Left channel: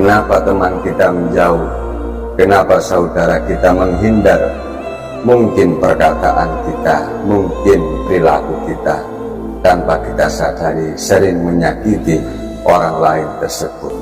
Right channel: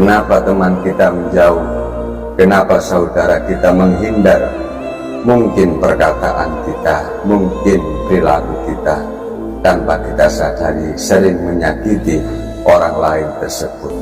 Kenapa teman kita menjauh? Kenapa saudara kita menghindar? Mungkin perkataan kita, mungkin perilaku kita, tanpa kita sadari sering menyakiti orang lain tersebut.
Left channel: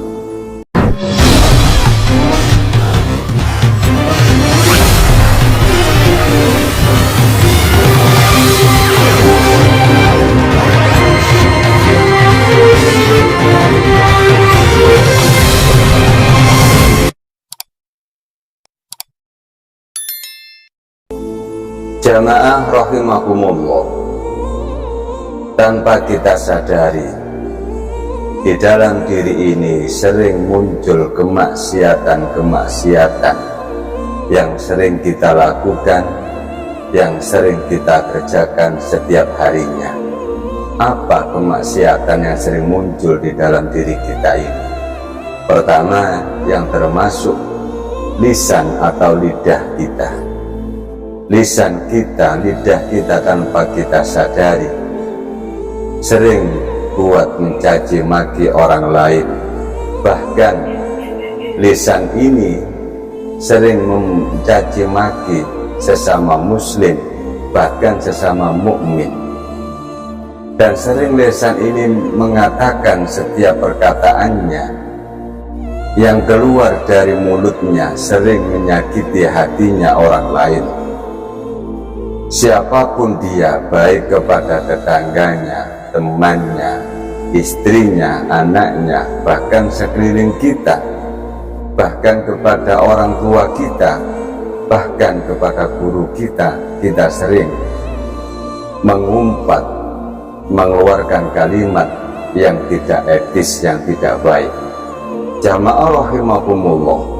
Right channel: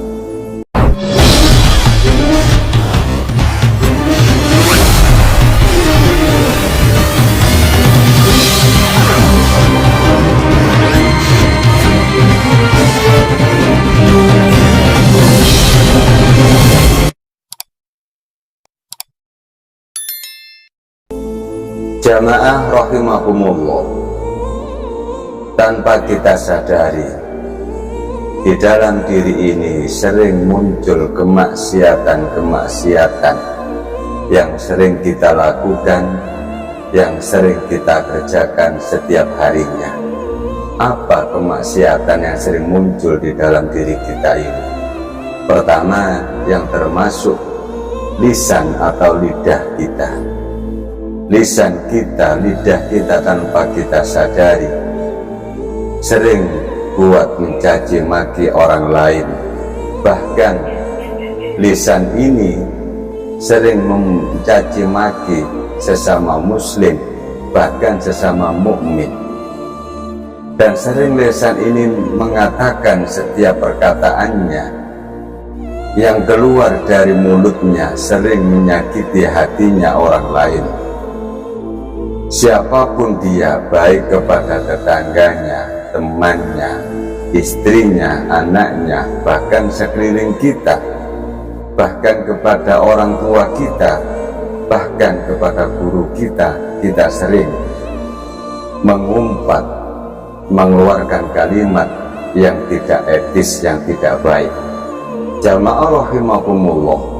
Jamaah rahimakumullah, tanpa kita sadari di dalam diri ini sering muncul kemaksiatan-kemaksiatan yang sering kita lakukan, yang sering kita kerjakan setiap harinya. Apa kemaksiatan yang sering muncul di dalam diri kita ini? Pertama, yang termasuk lisan atau lidah kita. Lisan kita, lidah kita tanpa kita sadari sering buat mencaci maki orang lain. Bahkan lisan ini sering mencaci maki sesama muslim, bahkan sesama mukmin. Dan sering lisan ini mengatakan setiap perkataannya yang keluar dari mulutnya sering menyakiti hatinya orang lain. Siapapun dia, baik kepada tetangganya, temannya, istrinya, anaknya, bahkan sekeliling kita, bahkan kepada orang tua kita, bahkan kepada guru kita, kita sering mengumpat, mengeluarkan kalimat yang tidak etis, yang tidak baik. Jamaah rahimakumullah,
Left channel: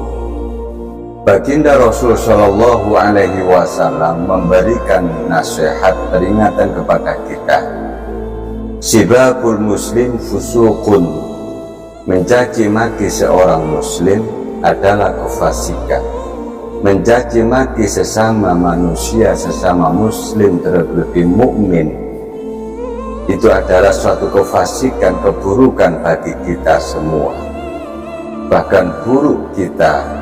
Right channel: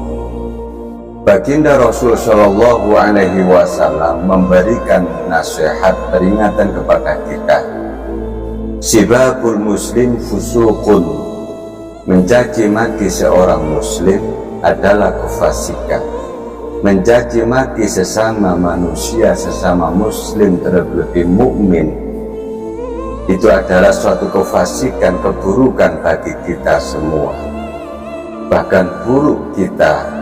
Baginda Rasul Shallallahu Alaihi Wasallam memberikan nasihat peringatan kepada kita. Sibabul muslim fusukun, mencaci maki seorang muslim adalah kefasikan. Mencaci maki sesama manusia, sesama muslim, terlebih mukmin, itu adalah suatu kefasikan, keburukan bagi kita semua. Bahkan buruk kita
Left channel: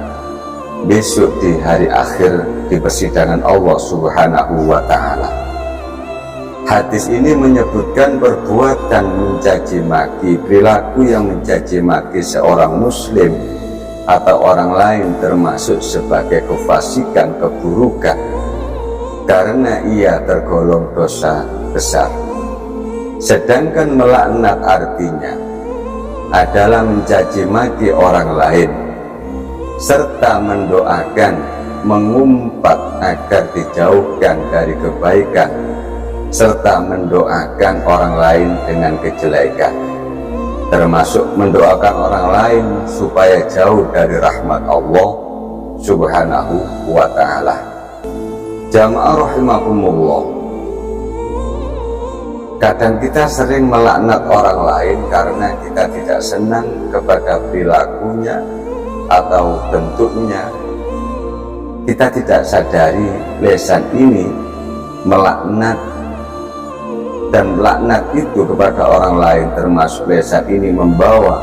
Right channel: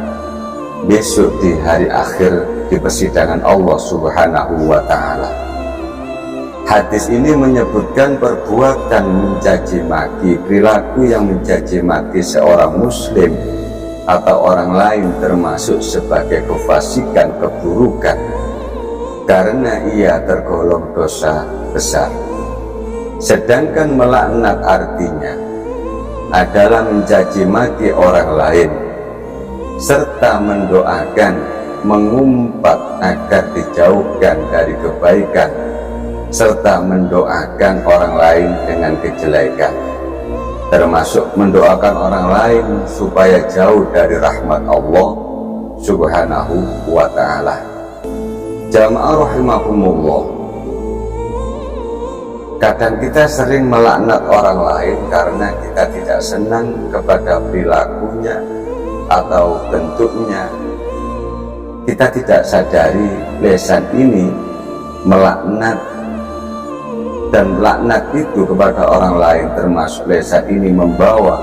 besok di hari akhir di persidangan Allah Subhanahu wa Ta'ala. Hadis ini menyebutkan perbuatan mencaci maki, perilaku yang mencaci maki seorang muslim atau orang lain termasuk sebagai kefasikan, keburukan, karena ia tergolong dosa besar. Sedangkan melaknat artinya adalah mencaci maki orang lain serta mendoakan, mengumpat agar dijauhkan dari kebaikan, serta mendoakan orang lain dengan kejelekan, termasuk mendoakan orang lain supaya jauh dari rahmat Allah Subhanahu wa Ta'ala. Jamaah rahimakumullah, kadang kita sering melaknat orang lain karena kita tidak senang kepada perilakunya atau bentuknya. Kita tidak sadari lisan ini melaknat, dan melaknat itu kepada orang lain termasuk lisan ini membawa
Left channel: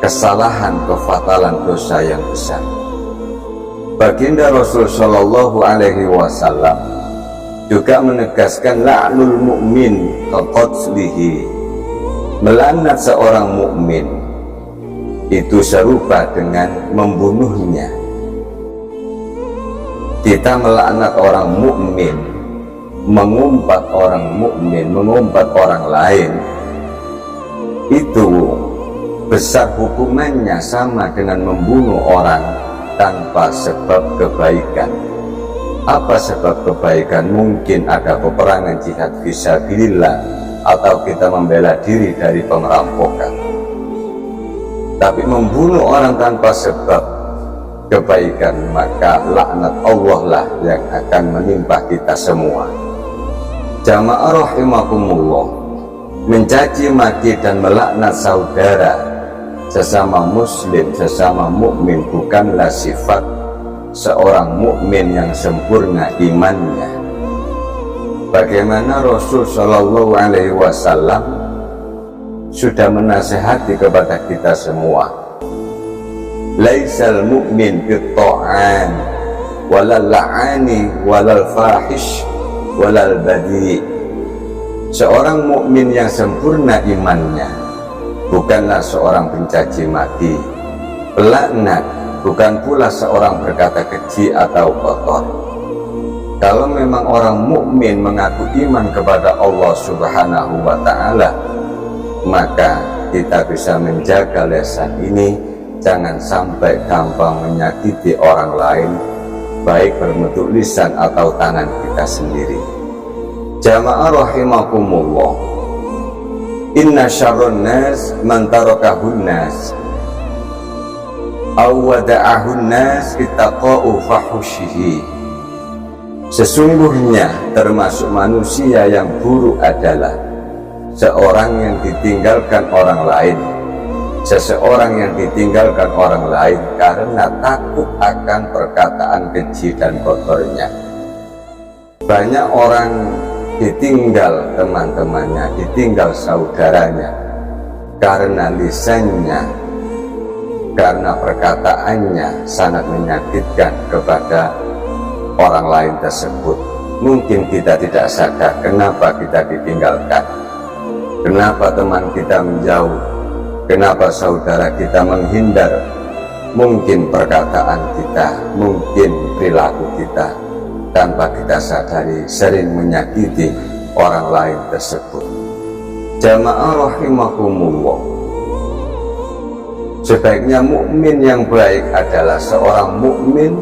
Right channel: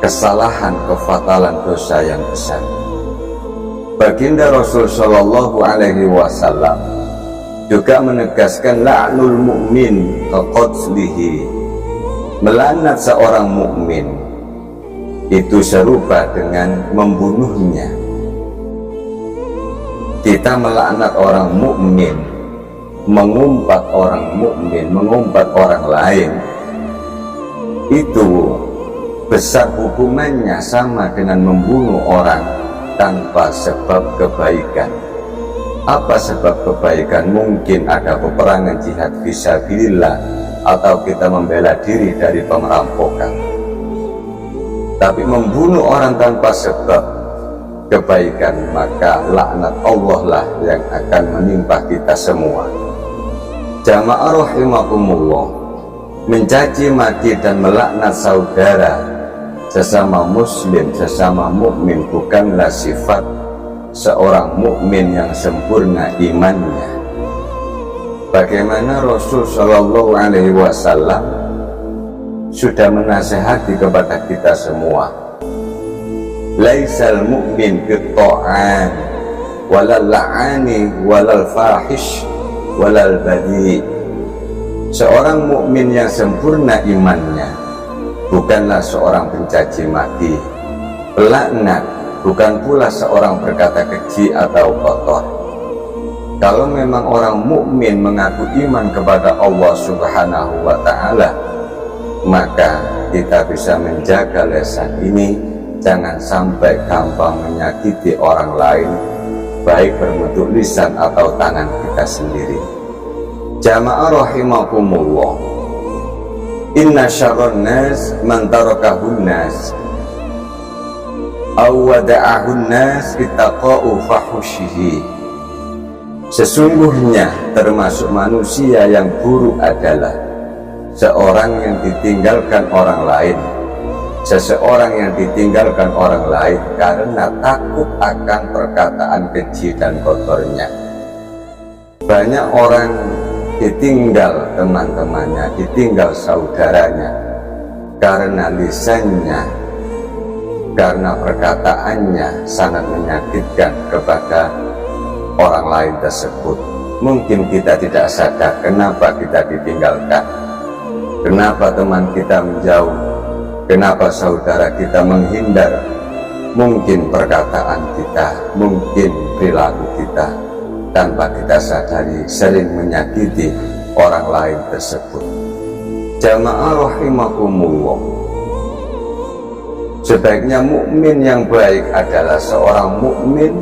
kesalahan, kefatalan, dosa yang besar. Baginda Rasul Shallallahu Alaihi Wasallam juga menegaskan la'nul mu'min kaqatslihi, melaknat seorang mukmin itu serupa dengan membunuhnya. Kita melaknat orang mukmin, mengumpat orang mukmin, mengumpat orang lain, itu besar hukumannya sama dengan membunuh orang tanpa sebab kebaikan. Apa sebab kebaikan? Mungkin ada peperangan jihad fisabilillah, atau kita membela diri dari pemerampokan. Tapi membunuh orang tanpa sebab kebaikan, maka laknat Allah lah yang akan menimpa kita semua. Jamaah rahimakumullah, mencaci maki dan melaknat saudara sesama muslim, sesama mukmin bukanlah sifat seorang mukmin yang sempurna imannya. Bagaimana Rasul Shallallahu Alaihi Wasallam sudah menasihati kepada kita semua, laisal mu'min fit-ta'an walal la'ani walal fahish walal badi. Seorang mukmin yang sempurna imannya bukanlah seorang pencaci maki, pelaknat, bukan pula seorang berkata keji atau kotor. Kalau memang orang mukmin mengaku iman kepada Allah Subhanahu wa ta'ala, maka kita bisa menjaga lisan ini jangan sampai gampang menyakiti orang lain, baik berbentuk lisan atau tangan kita sendiri. Jamaah rahimakumullah, inna syarrun nas man tarakahun nas aw wada'ahun nas ittaqa'u fahushihi. Sesungguhnya termasuk manusia yang buruk adalah seorang yang ditinggalkan orang lain, seseorang yang ditinggalkan orang lain karena takut akan perkataan keji dan kotornya. Banyak orang ditinggal teman-temannya, ditinggal saudaranya karena lisannya, karena perkataannya sangat menyakitkan kepada orang lain tersebut. Mungkin kita tidak sadar kenapa kita ditinggalkan, kenapa teman kita menjauh, kenapa saudara kita menghindar. Mungkin perkataan kita, mungkin perilaku kita tanpa kita sadari sering menyakiti orang lain tersebut. Jamaah rahimakumullah, sebaiknya mukmin yang baik adalah seorang mukmin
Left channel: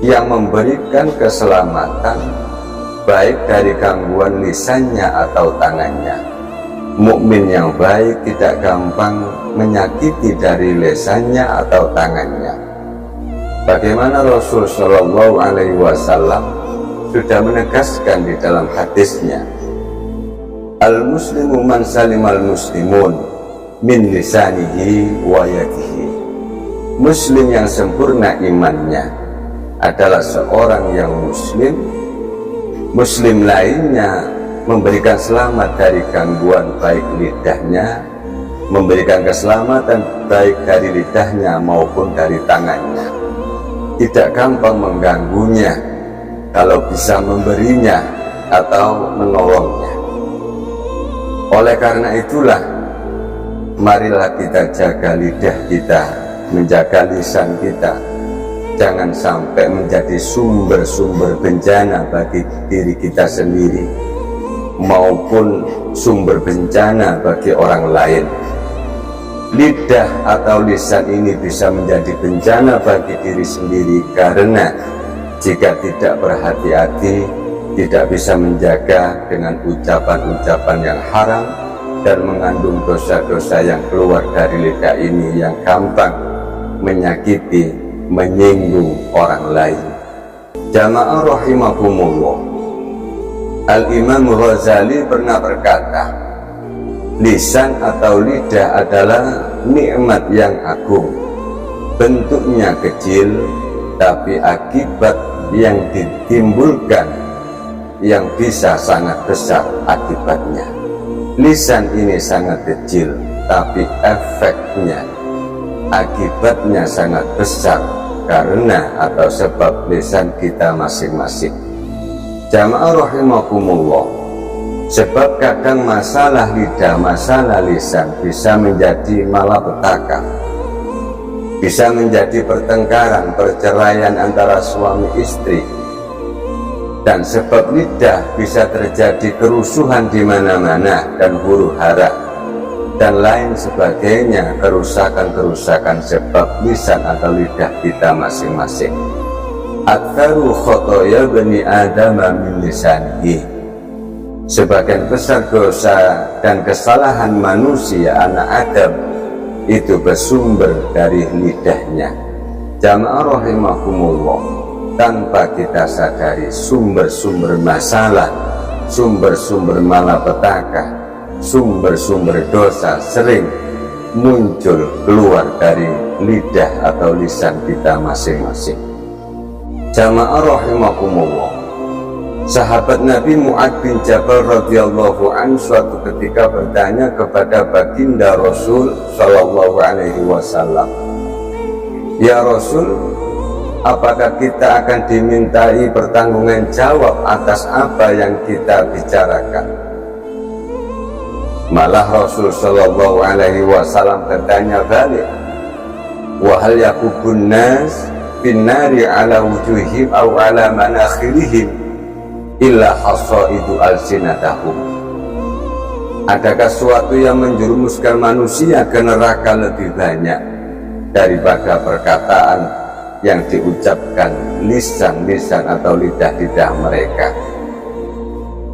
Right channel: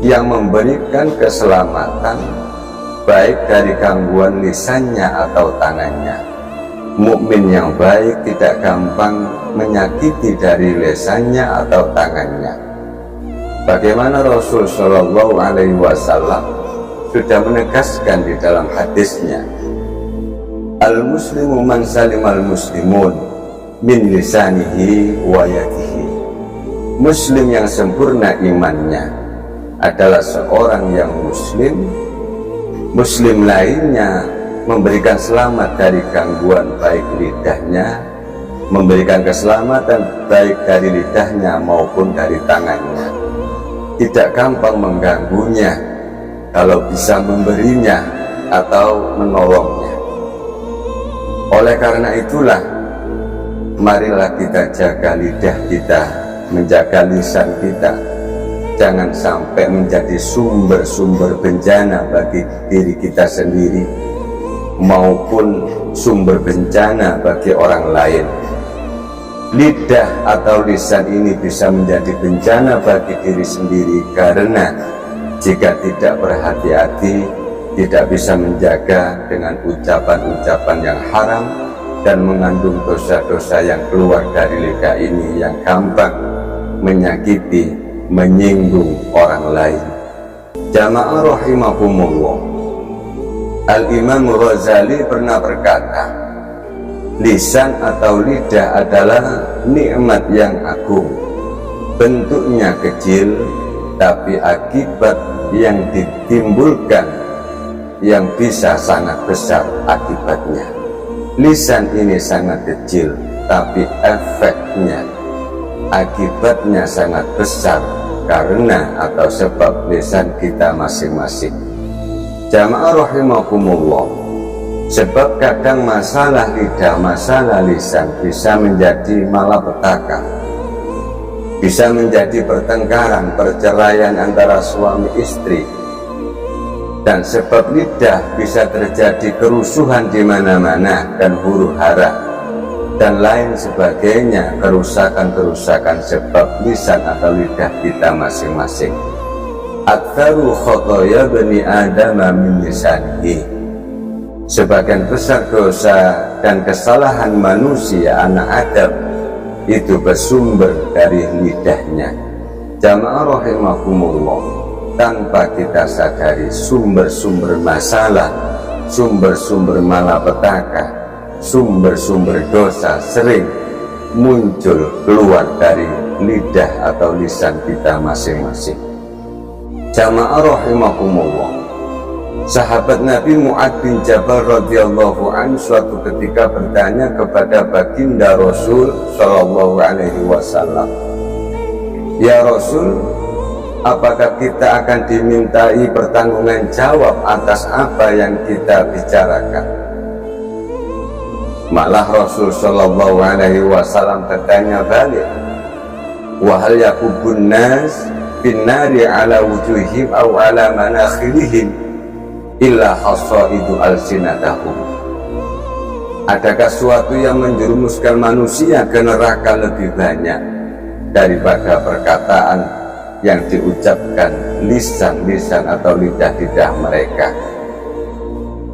yang memberikan keselamatan baik dari gangguan lisannya atau tangannya. Mukmin yang baik tidak gampang menyakiti dari lisannya atau tangannya. Bagaimana Rasul Shallallahu Alaihi Wasallam sudah menegaskan di dalam hadisnya, al-muslimu man salimal muslimun min lisanihi wa yadihi. Muslim yang sempurna imannya adalah seorang yang muslim lainnya memberikan selamat dari gangguan baik lidahnya, memberikan keselamatan baik dari lidahnya maupun dari tangannya. Tidak gampang mengganggunya kalau bisa memberinya atau menolongnya. Oleh karena itulah, marilah kita jaga lidah kita, menjaga lisan kita, jangan sampai menjadi sumber-sumber bencana bagi diri kita sendiri maupun sumber bencana bagi orang lain. Lidah atau lisan ini bisa menjadi bencana bagi diri sendiri karena jika tidak berhati-hati, tidak bisa menjaga dengan ucapan-ucapan yang haram dan mengandung dosa-dosa yang keluar dari lidah ini yang gampang menyakiti, menyinggung orang lain. Jamaah rahimakumullah, Al-Imam Ghazali pernah berkata, lisan atau lidah adalah nikmat yang agung. Bentuknya kecil, tapi akibat yang ditimbulkan yang bisa sangat besar akibatnya. Lisan ini sangat kecil, tapi efeknya, akibatnya sangat besar karena atau sebab lisan kita masing-masing. Jamaah rahimakumullah, sebab kadang masalah lidah, masalah lisan bisa menjadi malapetaka, bisa menjadi pertengkaran, perceraian antara suami istri, dan sebab lidah bisa terjadi kerusuhan di mana-mana dan huru-hara dan lain sebagainya, kerusakan-kerusakan sebab lisan atau lidah kita masing-masing. Aktsaru khotoya bani Adam min lisanihi. Sebagian besar dosa dan kesalahan manusia anak Adam itu bersumber dari lidahnya. Jamaah rahimakumullah, tanpa kita sadari sumber-sumber masalah, sumber-sumber malapetaka, sumber-sumber dosa sering muncul keluar dari lidah atau lisan kita masing-masing. Jamaah rahimakumullah, sahabat Nabi Mu'ad bin Jabal radhiyallahu anhu suatu ketika bertanya kepada baginda Rasul sallallahu alaihi wasallam, Ya Rasul, apakah kita akan dimintai pertanggungan jawab atas apa yang kita bicarakan? Malah Rasul Shallallahu Alaihi Wasallam bertanya balik, wahal yakubun nas binnari ala wujuhim aw ala manakhirihim illa hasaidu alsinatahum. Adakah suatu yang menjerumuskan manusia ke neraka lebih banyak daripada perkataan yang diucapkan lisan-lisan atau lidah-lidah mereka?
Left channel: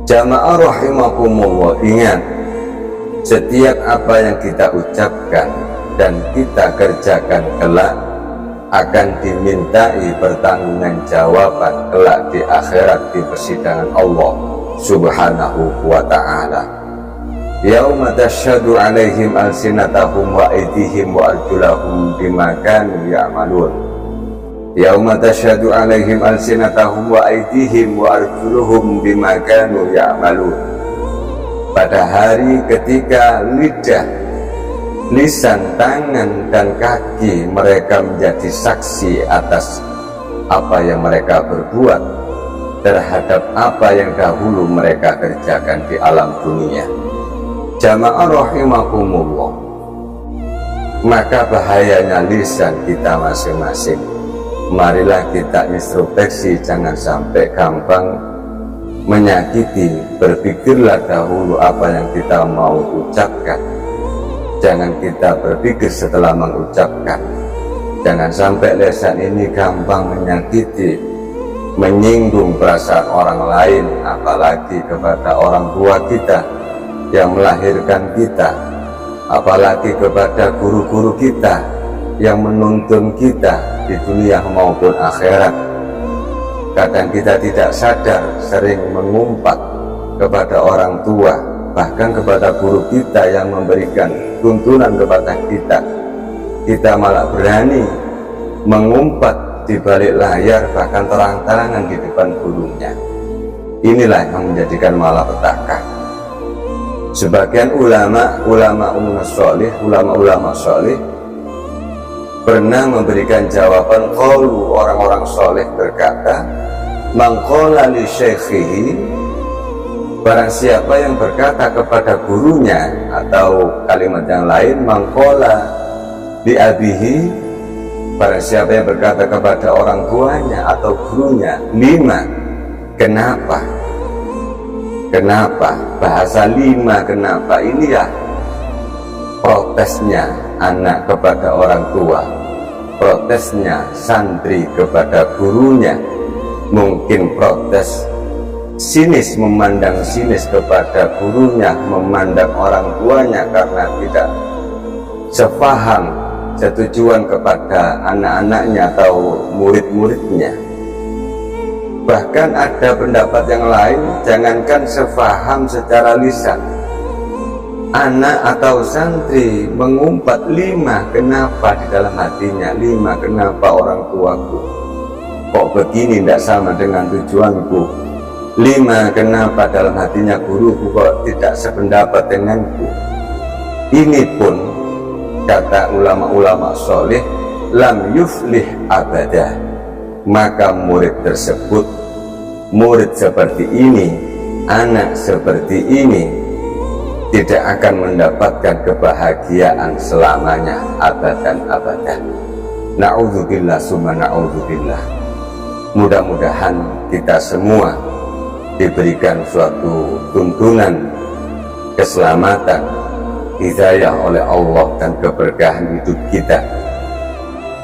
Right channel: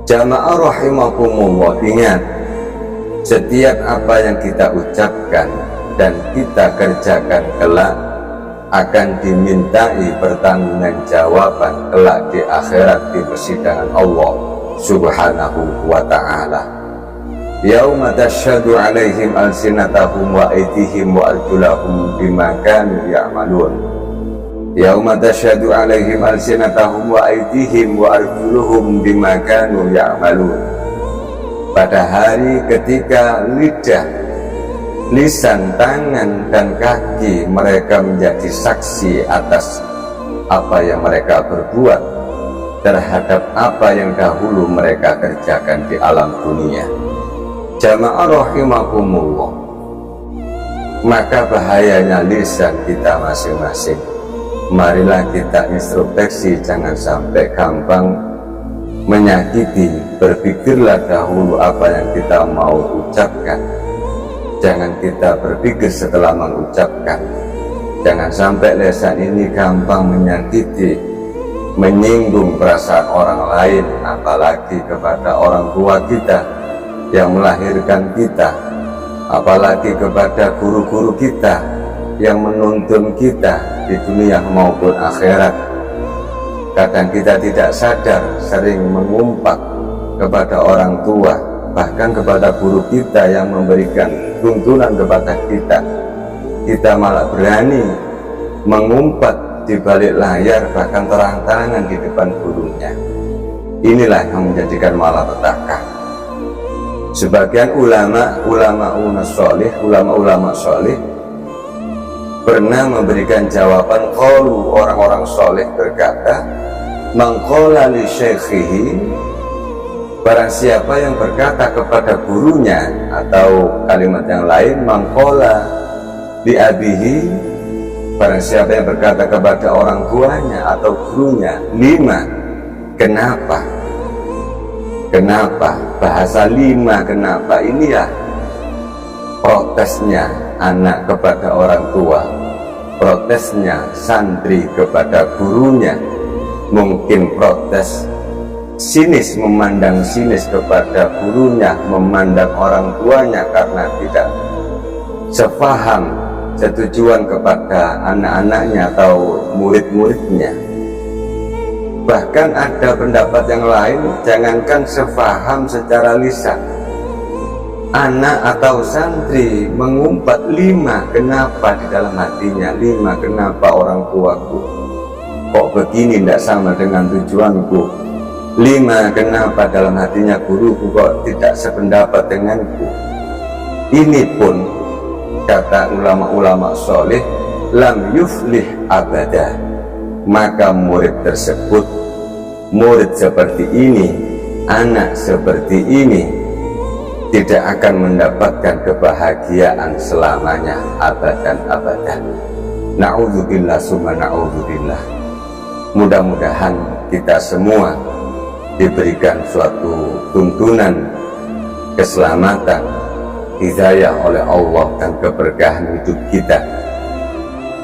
Jamaah rahimakumullah, ingat, setiap apa yang kita ucapkan dan kita kerjakan kelak akan dimintai pertanggungan jawaban kelak di akhirat di persidangan Allah Subhanahu wa ta'ala. Yauma tasyhadu 'alaihim alsinatahum wa aydihim wa arjulahum bima kanu ya'malun. Yauma tasyhadu 'alaihim alsinatahum wa aydihim wa arjuluhum bima kanu ya'malun. Pada hari ketika lidah, lisan, tangan, dan kaki mereka menjadi saksi atas apa yang mereka berbuat terhadap apa yang dahulu mereka kerjakan di alam dunia. Jamaah rahimakumullah, maka bahayanya lisan kita masing-masing. Marilah kita introspeksi, jangan sampai gampang menyakiti. Berpikirlah dahulu apa yang kita mau ucapkan, jangan kita berpikir setelah mengucapkan. Jangan sampai lisan ini gampang menyakiti, menyinggung perasaan orang lain, apalagi kepada orang tua kita yang melahirkan kita, apalagi kepada guru-guru kita yang menuntun kita di dunia maupun akhirat. Kadang kita tidak sadar sering mengumpat kepada orang tua, bahkan kepada guru kita yang memberikan tuntunan kepada kita. Kita malah berani mengumpat di balik layar, bahkan terang-terangan di depan gurunya. Inilah yang menjadikan malapetaka. Sebagian ulama soleh pernah memberikan jawaban. Qalu, orang-orang soleh berkata, mangqala li syaikhihi, barang siapa yang berkata kepada gurunya, atau kalimat yang lain, mangqala li abihi, barang siapa yang berkata kepada orang tuanya atau gurunya, lima, kenapa? Kenapa? Bahasa lima kenapa ini ya protesnya anak kepada orang tua, protesnya santri kepada gurunya, mungkin protes sinis, memandang sinis kepada gurunya, memandang orang tuanya karena tidak sepaham, setujuan kepada anak-anaknya atau murid-muridnya. Bahkan ada pendapat yang lain, jangankan sepaham secara lisan, anak atau santri mengumpat lima kenapa di dalam hatinya, lima kenapa orang tuaku kok begini, tidak sama dengan tujuanku, lima kenapa dalam hatinya guruku kok tidak sependapat denganku. Ini pun kata ulama-ulama soleh, lam yuflih abadah, maka murid tersebut, murid seperti ini, anak seperti ini tidak akan mendapatkan kebahagiaan selamanya, abadan. Na'udzubillah summa na'udzubillah. Mudah-mudahan kita semua diberikan suatu tuntunan keselamatan, hidayah oleh Allah dan keberkahan hidup kita.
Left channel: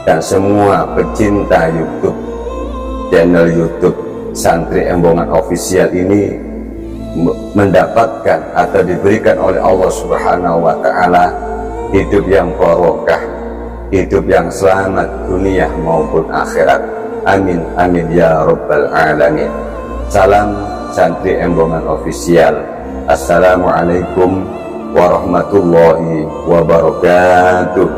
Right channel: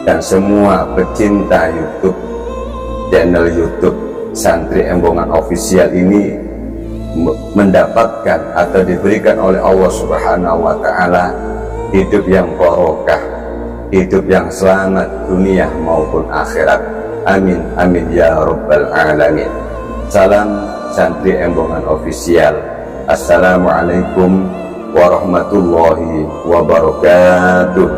Dan semua pecinta YouTube, channel YouTube Santri Embongan Official ini mendapatkan atau diberikan oleh Allah Subhanahu wa ta'ala hidup yang barokah, hidup yang selamat dunia maupun akhirat. Amin amin ya rabbal alamin. Salam Santri Embongan Official. Assalamualaikum warahmatullahi wabarakatuh.